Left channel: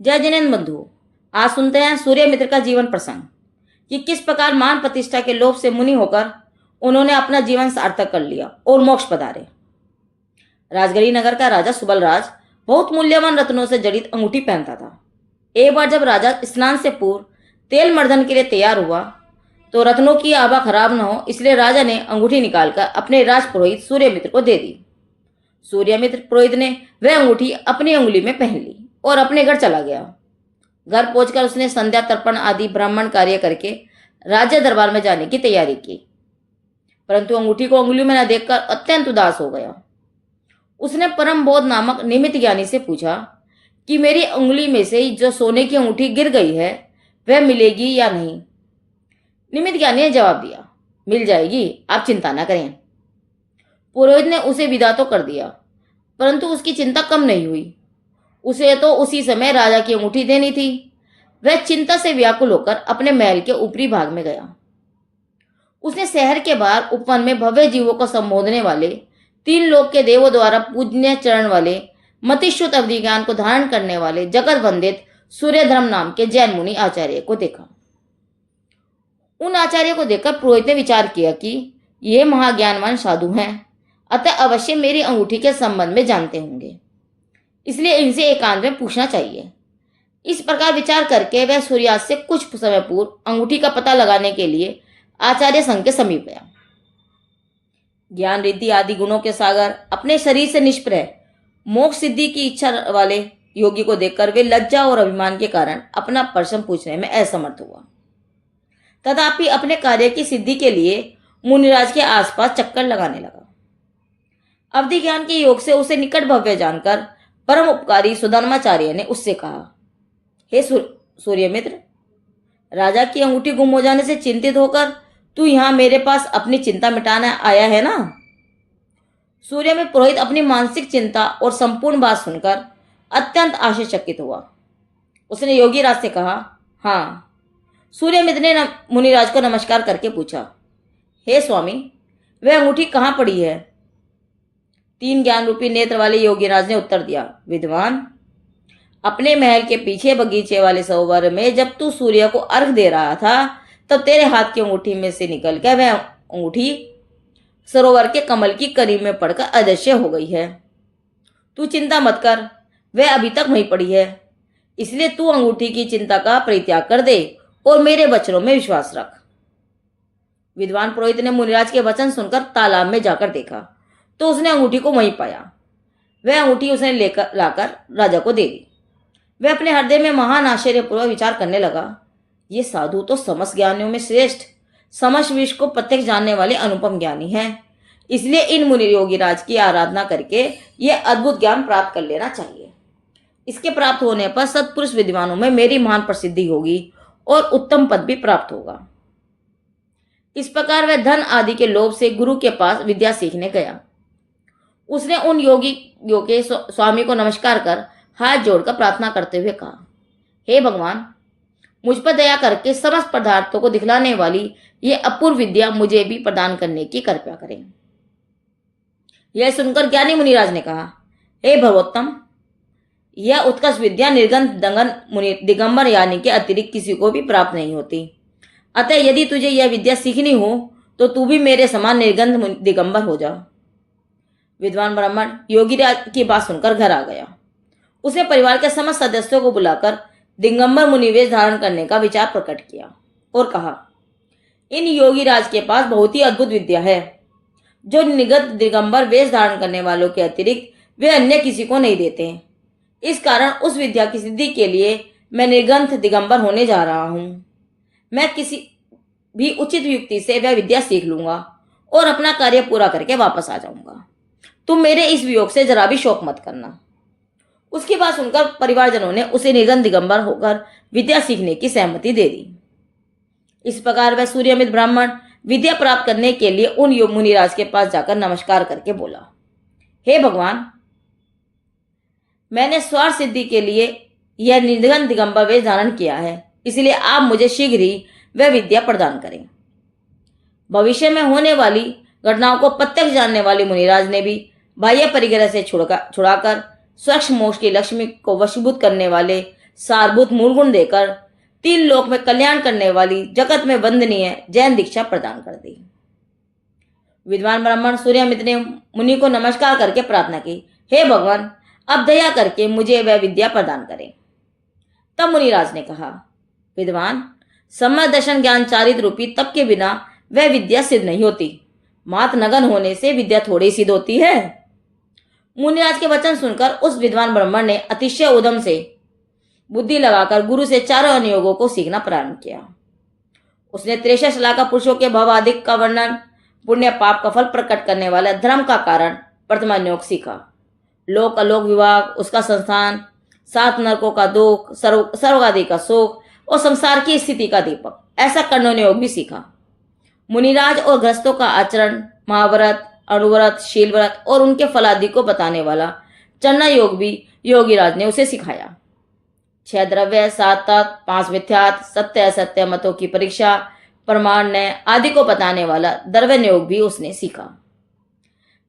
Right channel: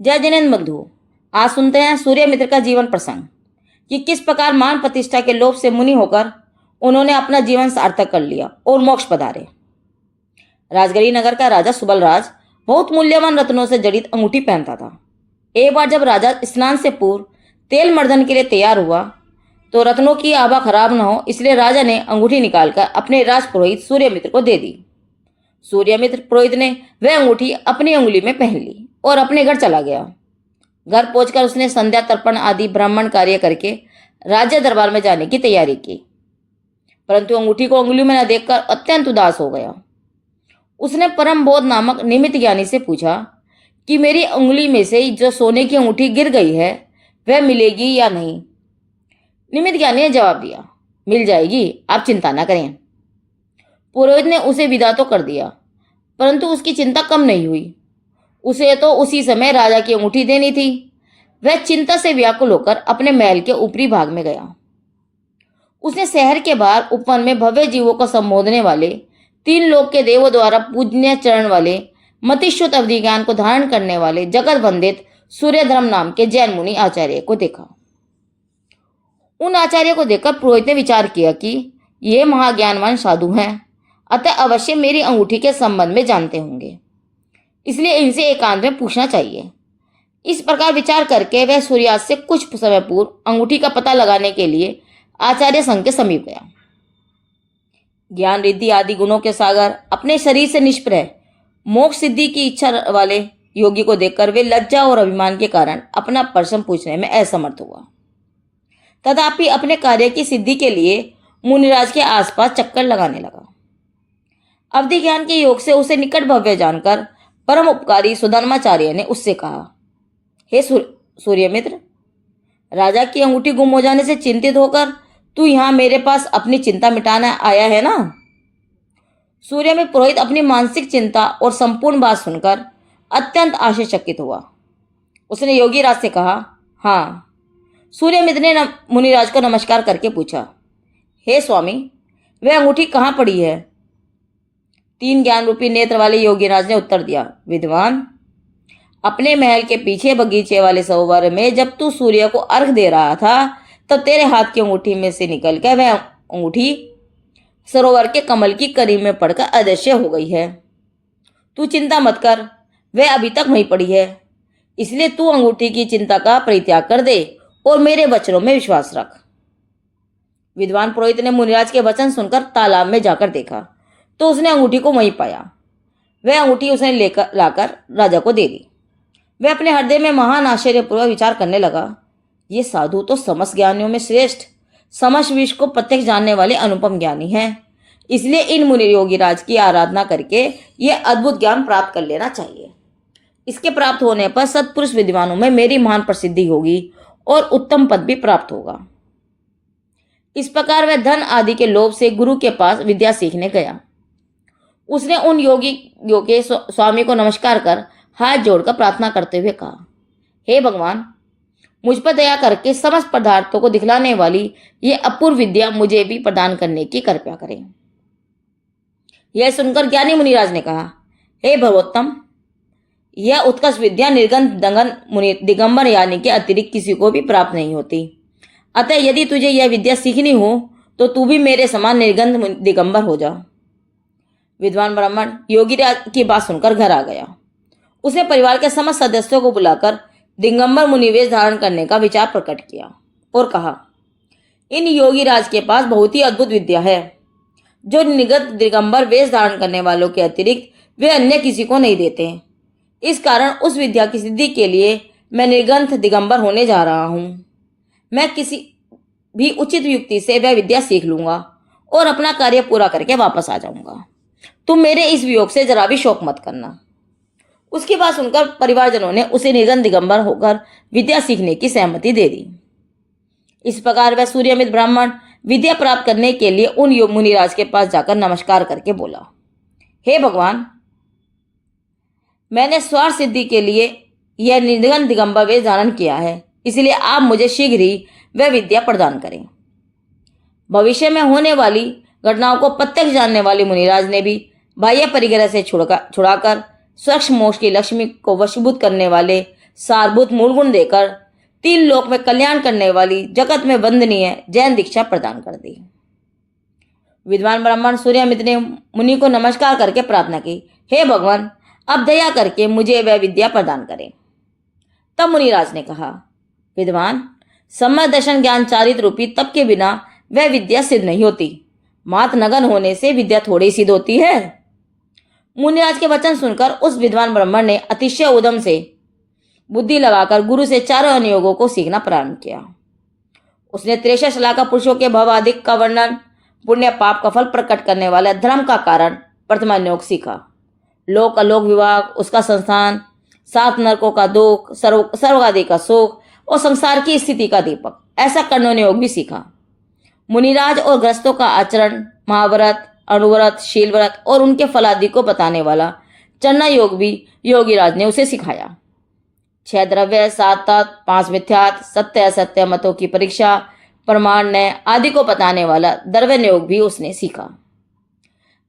जय जिनेन्द्र बंधु, आज सुनते हैं सूर्यमित्र का जीवन प्रसंग कि किस प्रकार मान प्रतिष्ठा के लोभ से मुनि होकर उन्होंने अपना जीवन सार्थक कर लिया और मोक्ष पधारे। राजगढ़ी नगर का राजा सुबलराज बहुत मूल्यवान रत्नों से जड़ित अंगूठी पहनता था। एक बार जब राजा स्नान से पूर्व तेल मर्दन के लिए तैयार हुआ तो रत्नों की आभा खराब न हो, इसलिए राजा ने अंगूठी निकालकर अपने राजपुरोहित सूर्यमित्र को दे दी। सूर्यमित्र पुरोहित ने वह अंगूठी अपनी उंगली में पहन ली और अपने घर चला गया। घर पहुंचकर उसने संध्या तर्पण आदि ब्राह्मण कार्य करके राज्य दरबार में जाने की तैयारी की, परंतु अंगूठी को उंगली में न देखकर अत्यंत उदास हो गया। उसने परम बोध नामक निमित्त ज्ञानी से पूछा कि मेरी उंगली में से जो सोने की अंगूठी गिर गई है वह मिलेगी या नहीं। निमित्त ज्ञानी ने जवाब दिया, मिल जाएगी, आप चिंता न करें। पुरोहित ने उसे विदा तो कर दिया, परंतु उसकी चिंता कम नहीं हुई। उसे तो उसी समय राजा की अंगूठी देनी थी। वह चिंता से व्याकुल होकर अपने महल के ऊपरी भाग में गया। उसने शहर के बाहर उपवन में भव्य जीवों को संबोधने वाले, तीन लोक के देवों द्वारा पूजनीय चरण वाले, मतिश्रुत अवधि ज्ञान को धारण करने वाले जगत वंदित सूर्यधर्म नाम के जैन मुनि आचार्य को देखा। उन आचार्य को देखकर पुरोहित ने विचार किया कि ये महाज्ञानवान साधु हैं, अतः अवश्य मेरी अंगूठी के संबंध में जानते होंगे, इसलिए इनसे एकांत में पूछना चाहिए। इस प्रकार विचार करके वह सूर्यास्त से कुछ समय पूर्व अंगूठी का पता लगाने के लिए आचार्य संघ के समीप गया। ज्ञान रिद्धि आदि गुणों के सागर, अपने शरीर से निष्प्रह, मोक्ष सिद्धि की इच्छा वाले योगी को देखकर वे लज्जा और अभिमान के कारण अपना प्रश्न पूछने में असमर्थ हुआ। तथापि अपने कार्य की सिद्धि के लिए मुनिराज के आसपास चक्कर लगाने लगा। अवधि ज्ञान के योग से उसे निकट भव्य जानकर परम उपकारी सुधर्माचार्य ने उससे कहा, हे सूर्यमित्र, राजा की अंगूठी गुम हो जाने से चिंतित होकर तू यहाँ मेरे पास अपनी चिंता मिटाना आया है ना। सूर्यमित्र पुरोहित अपनी मानसिक चिंता और संपूर्ण बात सुनकर अत्यंत आश्चर्यचकित हुआ। उसने योगी राज से कहा, हाँ। सूर्यमित्र ने मुनिराज को नमस्कार करके पूछा, हे स्वामी, वह अंगूठी कहाँ पड़ी है। तीन ज्ञान रूपी नेत्र वाले योगीराज ने उत्तर दिया, विद्वान, अपने महल के पीछे बगीचे वाले सरोवर में जब तू सूर्य को अर्घ दे रहा था तब तेरे हाथ की अंगूठी में से निकल कर वह अंगूठी सरोवर के कमल की करी में पड़कर अदृश्य हो गई है। तू चिंता मत कर, वह अभी तक वहीं पड़ी है, इसलिए तू अंगूठी की चिंता का परित्याग कर दे और मेरे वचनों में विश्वास रख। विद्वान पुरोहित ने मुनिराज के वचन सुनकर तालाब में जाकर देखा तो उसने अंगूठी को वहीं पाया। वह अंगूठी उसने लाकर राजा को दे दी। वह अपने हृदय में महान आश्चर्यपूर्वक विचार करने लगा, ये साधु तो समस्त ज्ञानियों में श्रेष्ठ, समस्त विश्व को प्रत्यक्ष जानने वाले अनुपम ज्ञानी हैं, इसलिए इन मुनि योगी राज की आराधना करके यह अद्भुत ज्ञान प्राप्त कर लेना चाहिए। इसके प्राप्त होने पर सत्पुरुष विद्वानों में मेरी महान प्रसिद्धि होगी और उत्तम पद भी प्राप्त होगा। इस प्रकार वह धन आदि के लोभ से गुरु के पास विद्या सीखने गया। उसने उन योगियों के स्वामी को नमस्कार कर हाथ जोड़कर प्रार्थना करते हुए कहा, हे भगवान, मुझ पर दया करके समस्त पदार्थों को दिखलाने वाली ये अपूर्व विद्या मुझे भी प्रदान करने की कृपा करें। यह सुनकर ज्ञानी मुनिराज ने कहा, हे भगवोत्तम, यह उत्कर्ष विद्या निर्गंध दंगन मुनि दिगंबर यानी के अतिरिक्त किसी को भी प्राप्त नहीं होती। अतः यदि तुझे यह विद्या सीखनी हो तो तू भी मेरे समान निर्गंध दिगंबर हो जा। विद्वान ब्राह्मण योगी की बात सुनकर घर आ गया। उसने परिवार के समस्त सदस्यों को बुलाकर दिगंबर मुनिवेश धारण करने का विचार प्रकट किया और कहा, इन योगी राज के पास बहुत ही अद्भुत विद्या है जो निगत दिगंबर वेश धारण करने वालों के अतिरिक्त वे अन्य किसी को नहीं देते। इस कारण उस विद्या की सिद्धि के लिए मैं निर्गंथ दिगंबर होने जा रहा हूं। मैं किसी भी उचित युक्ति से वह विद्या सीख लूंगा और अपना कार्य पूरा करके वापस आ जाऊंगा। तुम मेरे इस वियोग से जरा भी शोक मत करना। उसकी बात सुनकर परिवारजनों ने उसे निर्गंथ दिगंबर होकर विद्या सीखने की सहमति दे दी। इस प्रकार वह सूर्यमित्र ब्राह्मण विद्या प्राप्त करने के लिए उन मुनिराज के पास जाकर नमस्कार करके बोला, हे भगवान, मैंने स्वार्थ सिद्धि के लिए यह निर्गंथ दिगंबर वेश धारण किया है, इसलिए आप मुझे शीघ्र ही वह विद्या प्रदान करें। भविष्य में होने वाली घटनाओं को प्रत्यक्ष जानने वाले मुनिराज ने भी बाह्य परिग्रह से छुड़ाकर स्वच्छ मोक्ष की लक्ष्मी को वशीभूत करने वाले सारभूत मूल गुण देकर 3 लोक में कल्याण करने वाली जगत में वंदनीय जैन दीक्षा प्रदान कर दी। विद्वान ब्राह्मण सूर्यमित्र ने मुनि को नमस्कार करके प्रार्थना की, हे भगवान, अब दया करके मुझे वह विद्या प्रदान करें। तब मुनिराज ने कहा, विद्वान, सम्यक दर्शन ज्ञान चारित्र रूपी तप के बिना वह विद्या सिद्ध नहीं होती। मात्र नगन होने से विद्या थोड़ी सिद्ध होती है। मुनिराज के वचन सुनकर उस विद्वान ब्राह्मण ने अतिशय उद्यम से बुद्धि लगाकर गुरु से चारों अनुयोगों को सीखना प्रारंभ किया। उसने 63 श्लाघा पुरुषों के भवादिक का वर्णन, पुण्य पाप का फल प्रकट करने वाला धर्म का कारण प्रथम योग सीखा, लोक अलोक विभाग, उसका संस्थान, 7 नरकों का दुख, सर्व आदि का सुख और संसार की स्थिति का दीपक, ऐसा कर्णों योग भी सीखा। मुनिराज और गृहस्थों का आचरण, महाव्रत, अणुव्रत, शीलव्रत और उनके फलादि को बताने वाला चन्ना योग भी योगीराज ने उसे सिखाया। 6 द्रव्य, 7 तत्व, 5 मिथ्यात्व, सत्य असत्य मतों की परीक्षा, प्रमाण न्याय आदि को बताने वाला दर्वन योग भी उसने सीखा।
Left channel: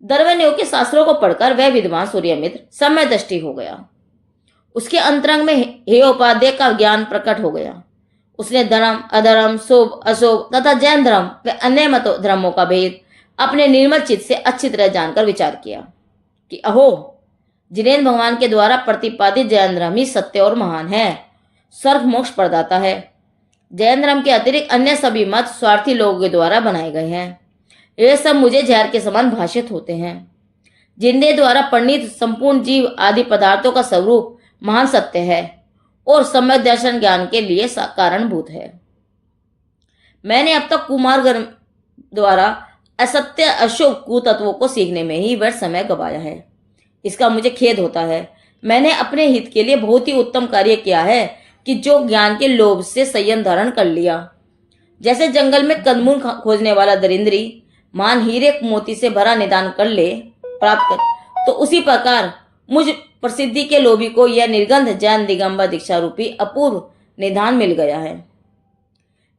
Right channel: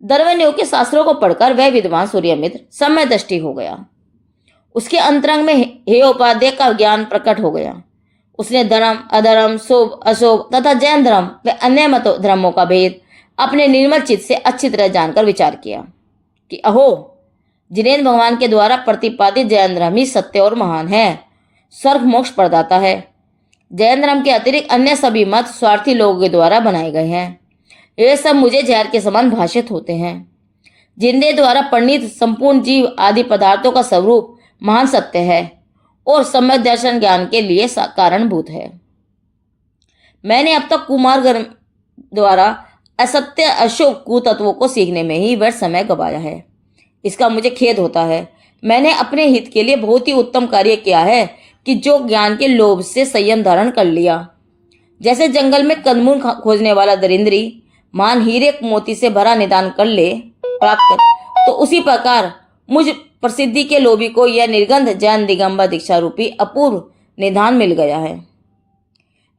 दर्वन योग के शास्त्रों को पढ़कर वह विद्वान सूर्यमित्र समय दृष्टि हो गया। उसके अंतरंग में हे उपाध्याय का ज्ञान प्रकट हो गया। उसने धर्म, अधर्म, शुभ, अशुभ तथा जैन धर्म व अन्य मतों धर्मों का भेद अपने निर्मल चित्त से अच्छी तरह जानकर विचार किया कि अहो, जिनेन्द्र भगवान के द्वारा प्रतिपादित जैन धर्म ही सत्य और महान है, स्वर्ग मोक्ष प्रदाता है। जैन धर्म के अतिरिक्त अन्य सभी मत स्वार्थी लोगों के द्वारा बनाए गए हैं। ये सब मुझे जहर के समान भाषित होते हैं। जिनके द्वारा परिणीत संपूर्ण जीव आदि पदार्थों का स्वरूप महान सत्य है और सम्यक दर्शन ज्ञान के लिए कारणभूत है। मैंने अब तक कुमार्ग द्वारा असत्य अशुभ कुतत्वों को सीखने में ही व्यर्थ समय गवाया है। इसका मुझे खेद होता है। मैंने अपने हित के लिए बहुत ही उत्तम कार्य किया है कि जो ज्ञान के लोभ से संयम धारण कर लिया। जैसे जंगल में कंदमूल खोजने वाला दरिंद्री मान हीरे मोती से भरा निदान कर ले प्राप्त कर, तो उसी प्रकार मुझ प्रसिद्धि के लोभी को यह निर्गंध जैन दिगंबर दीक्षा रूपी अपूर्व निधान मिल गया है।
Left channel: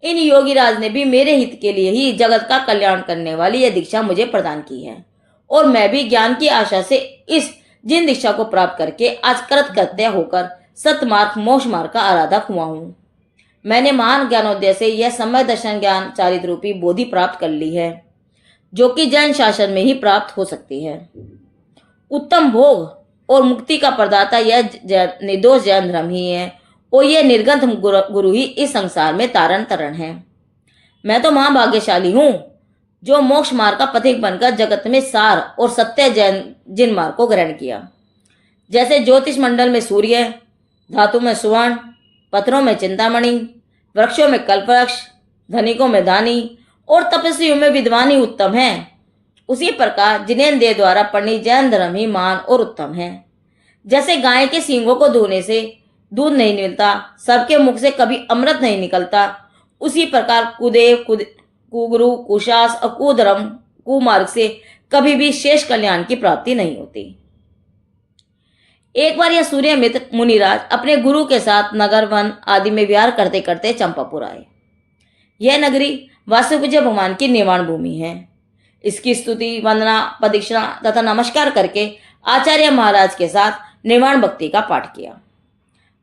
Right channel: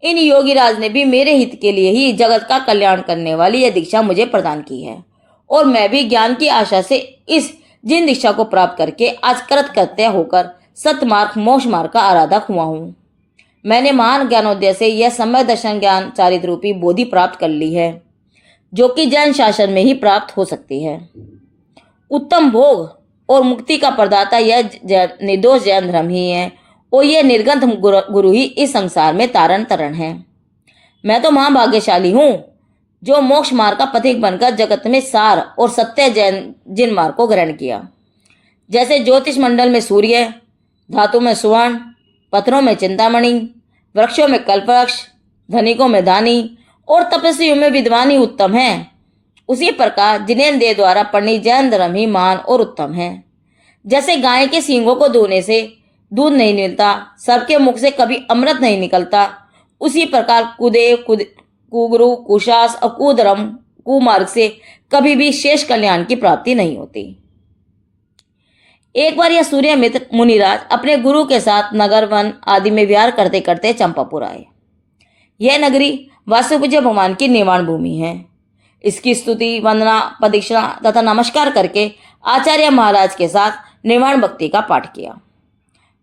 इन योगीराज ने भी मेरे हित के लिए ही जगत का कल्याण करने वाली यह दीक्षा मुझे प्रदान की है और मैं भी ज्ञान की आशा से इस जिन दीक्षा को प्राप्त करके आज कृतकृत्य होकर सतमार्ग मोक्ष मार्ग का आराधक हुआ हूँ। मैंने महान ज्ञानोदय से यह सम्यक दर्शन ज्ञान चारित्र रूपी बोधि प्राप्त कर ली है, जो कि जैन शासन में ही प्राप्त हो सकती है। उत्तम भोग और मुक्ति का प्रदाता यह निर्दोष जैन धर्म ही है और यह निर्गंध गुरु ही इस संसार में तारण तरण है। मैं तो महाभाग्यशाली हूँ जो मोक्ष मार्ग का पथिक बनकर जगत में सार और सत्य जैन जिन मार्ग को ग्रहण किया। जैसे ज्योतिष मंडल में सूर्य, धातु में सुवर्ण, पत्थरों में चिंतामणि, वृक्षों में कल्पवृक्ष, धनिकों में दानी और तपस्वियों में विद्वान ही उत्तम है, उसी प्रकार जिनेन्द्र देव द्वारा परिणीत जैन धर्म ही महान और उत्तम है। जैसे गाय के सींगों को धोने से दूध नहीं मिलता, सबके मुख से कभी अमृत नहीं निकलता, उसी प्रकार कुदेव, कुगुरु, कुशास और कुधर्म कुमार्ग से कभी भी शेष कल्याण की प्राप्ति नहीं होती। एक बार यह सूर्यमित्र मुनिराज अपने गुरु के साथ नगर वन आदि में विहार करते करते चंपापुर आए। यह नगरी वासुपूज्य भगवान की निर्वाण भूमि है। इसकी स्तुति, वंदना, प्रदक्षिणा तथा नमस्कार करके आचार्य महाराज के साथ निर्वाण भक्ति का पाठ किया।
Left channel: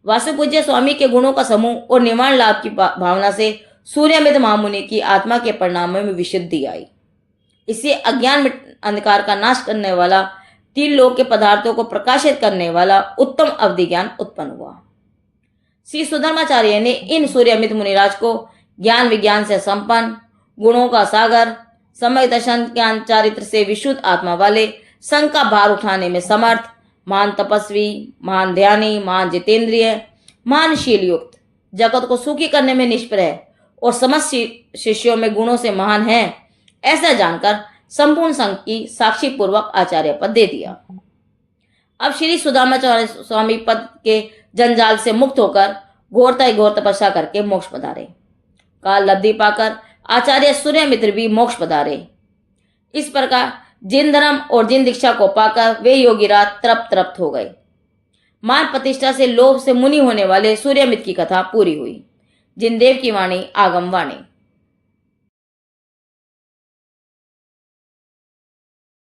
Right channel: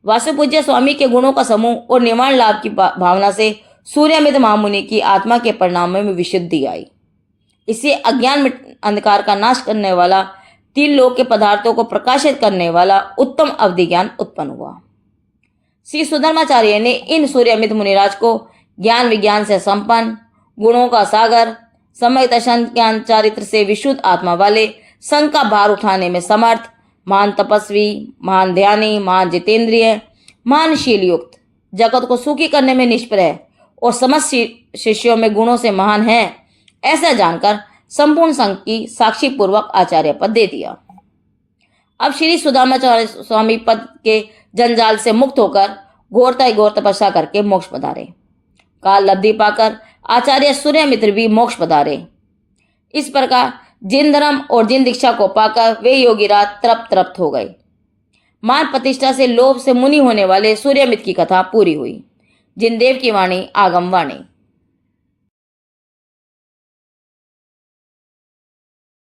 वासुपूज्य स्वामी के गुणों का समूह और निर्वाण लाभ की भावना से सूर्यमित्र महामुनि की आत्मा के परिणामों में विशुद्धि आई। इससे अज्ञान अंधकार का नाश करने वाला, 3 लोक के पदार्थों को प्रकाशित करने वाला उत्तम अवधि ज्ञान उत्पन्न हुआ। श्री सुधर्माचार्य ने इन सूर्यमित्र मुनिराज को ज्ञान विज्ञान से संपन्न, गुणों का सागर, सम्यक दर्शन ज्ञान चारित्र से विशुद्ध आत्मा वाले, संघ का भार उठाने में समर्थ, महान तपस्वी, महान ध्यानी, महान जितेंद्रिय, महान शील युक्त, जगत को सुखी करने में निष्प्रय और समस्त शिष्यों में गुणों से महान है, ऐसा जानकर संपूर्ण संघ की साक्षी पूर्वक आचार्य पद दे दिया। अब श्री सुदामाचार्य स्वामी पद के जंजाल से मुक्त होकर घोर तपस्या करके मोक्ष पधारे। काल लब्धि पाकर आचार्य सूर्यमित्र भी मोक्ष पधारे। इस प्रकार जिन धर्म और जिन दीक्षा को पाकर वे योगीराज तृप्त हो गए। मान प्रतिष्ठा से लोभ से मुनि होने वाले सूर्यमित्र की कथा पूरी हुई। जिनदेव की वाणी आगम वाणी।